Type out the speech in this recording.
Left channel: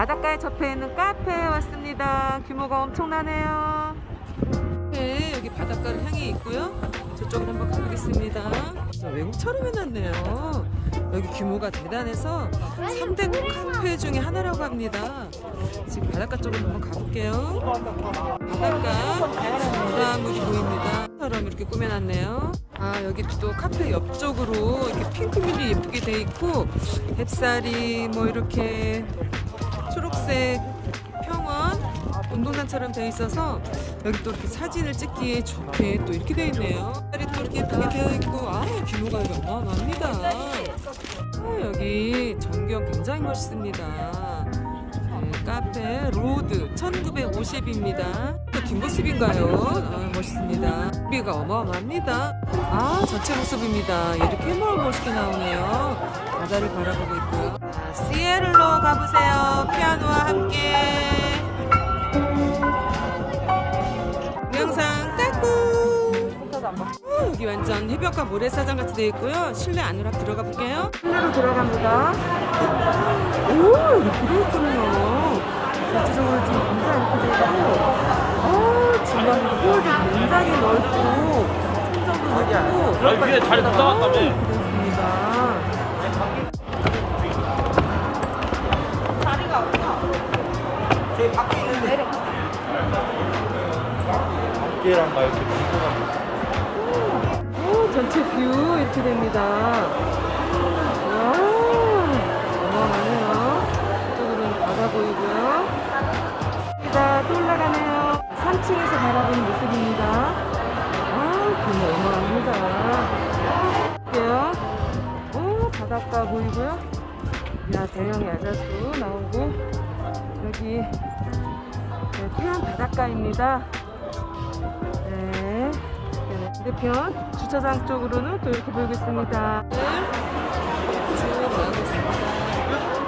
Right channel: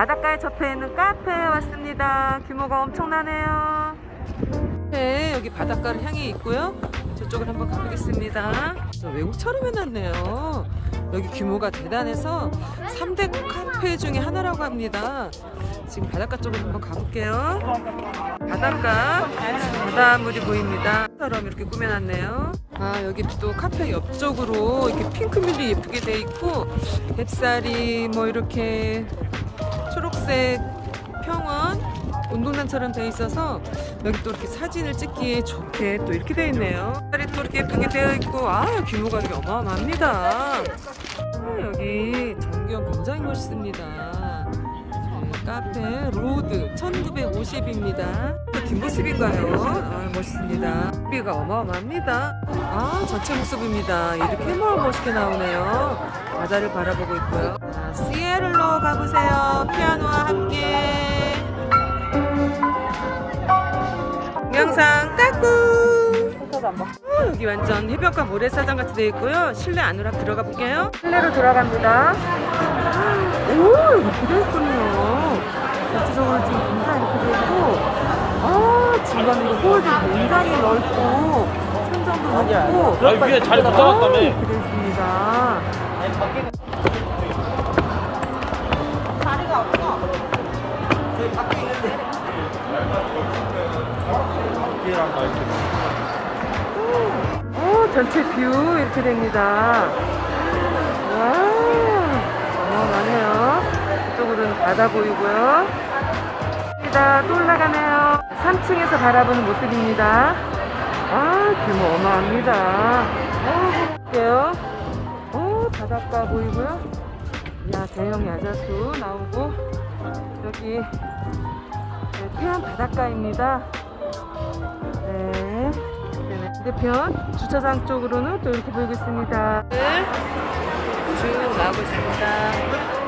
바닷가에 접해 있는 카페에 왔습니다. 규모가 엄청나네요. 네, 여기 바닷가를 향해 있고요. 저쪽을 한번 가보겠습니다. 외국처럼 해놨네요. 여기 규모가 대단해서 3대 카페 중에 하나라고 합니다. 지금 바닷가 쪽으로 한번 가볼게요. 바닷가, 바닷물이 보입니다. 처럼 이렇게 꾸며놨네요. 아, 여기 또 카페 옆쪽으로 이렇게 핑크색이 예쁘게 돼 있고, 뱃살이 뭐 이렇게 초록색 평원 운동장처럼 돼 있어서 여기 또 이렇게 사진을 찍기에 좋게 또 이렇게 돼 있네요. 뱃살이 또 이렇게 예쁘게 되어 있고, 아, 규모가 여기 어마어마합니다. 아, 여기 전경 굉장히 멋있습니다. 네, 카페 로드 1950입니다. 또 뒷모습인가요? 아, 멋있습니다. 비가 어마어마합니다. 아, 전체 모습입니다. 이렇게 멋있게 나오네요. 바다를 바라보고 있고요. 자, 시에를로 가보세요. 피아노와 함께. 영상 까꿍. 어, 여기 완전 해변가 모래사장 같이 되어 있고요. 실내 안으로 들어가 볼게요. 실내로 들어갑니다. 오, 여기 들어있군요. 전체적으로 지금 굉장히 이렇게 되어 있고, 아, 중간에 이거 홀도 굉장히 넓고, 천장도 높고, 잘 아. 이렇게 되어 있습니다. 밖에랑 말고 오, 전체 뷰 이렇게 됩니다. 와, 어마어마하네요. 이쪽으로는 바다 보이고요. 여기다 또 올라가네요. 3층에서 바라보는 모습입니다. 아, 규모 어마합니다. 볼게요. 오, 바닷가 보이고요. 야, 대형 야자수 나오고, 여기, 네, 태안 바닷가입니다. 네. 네, 반대편 주차장 쪽으로는 또 이렇게 보이고 있습니다. 쭉 나오고 있습니다.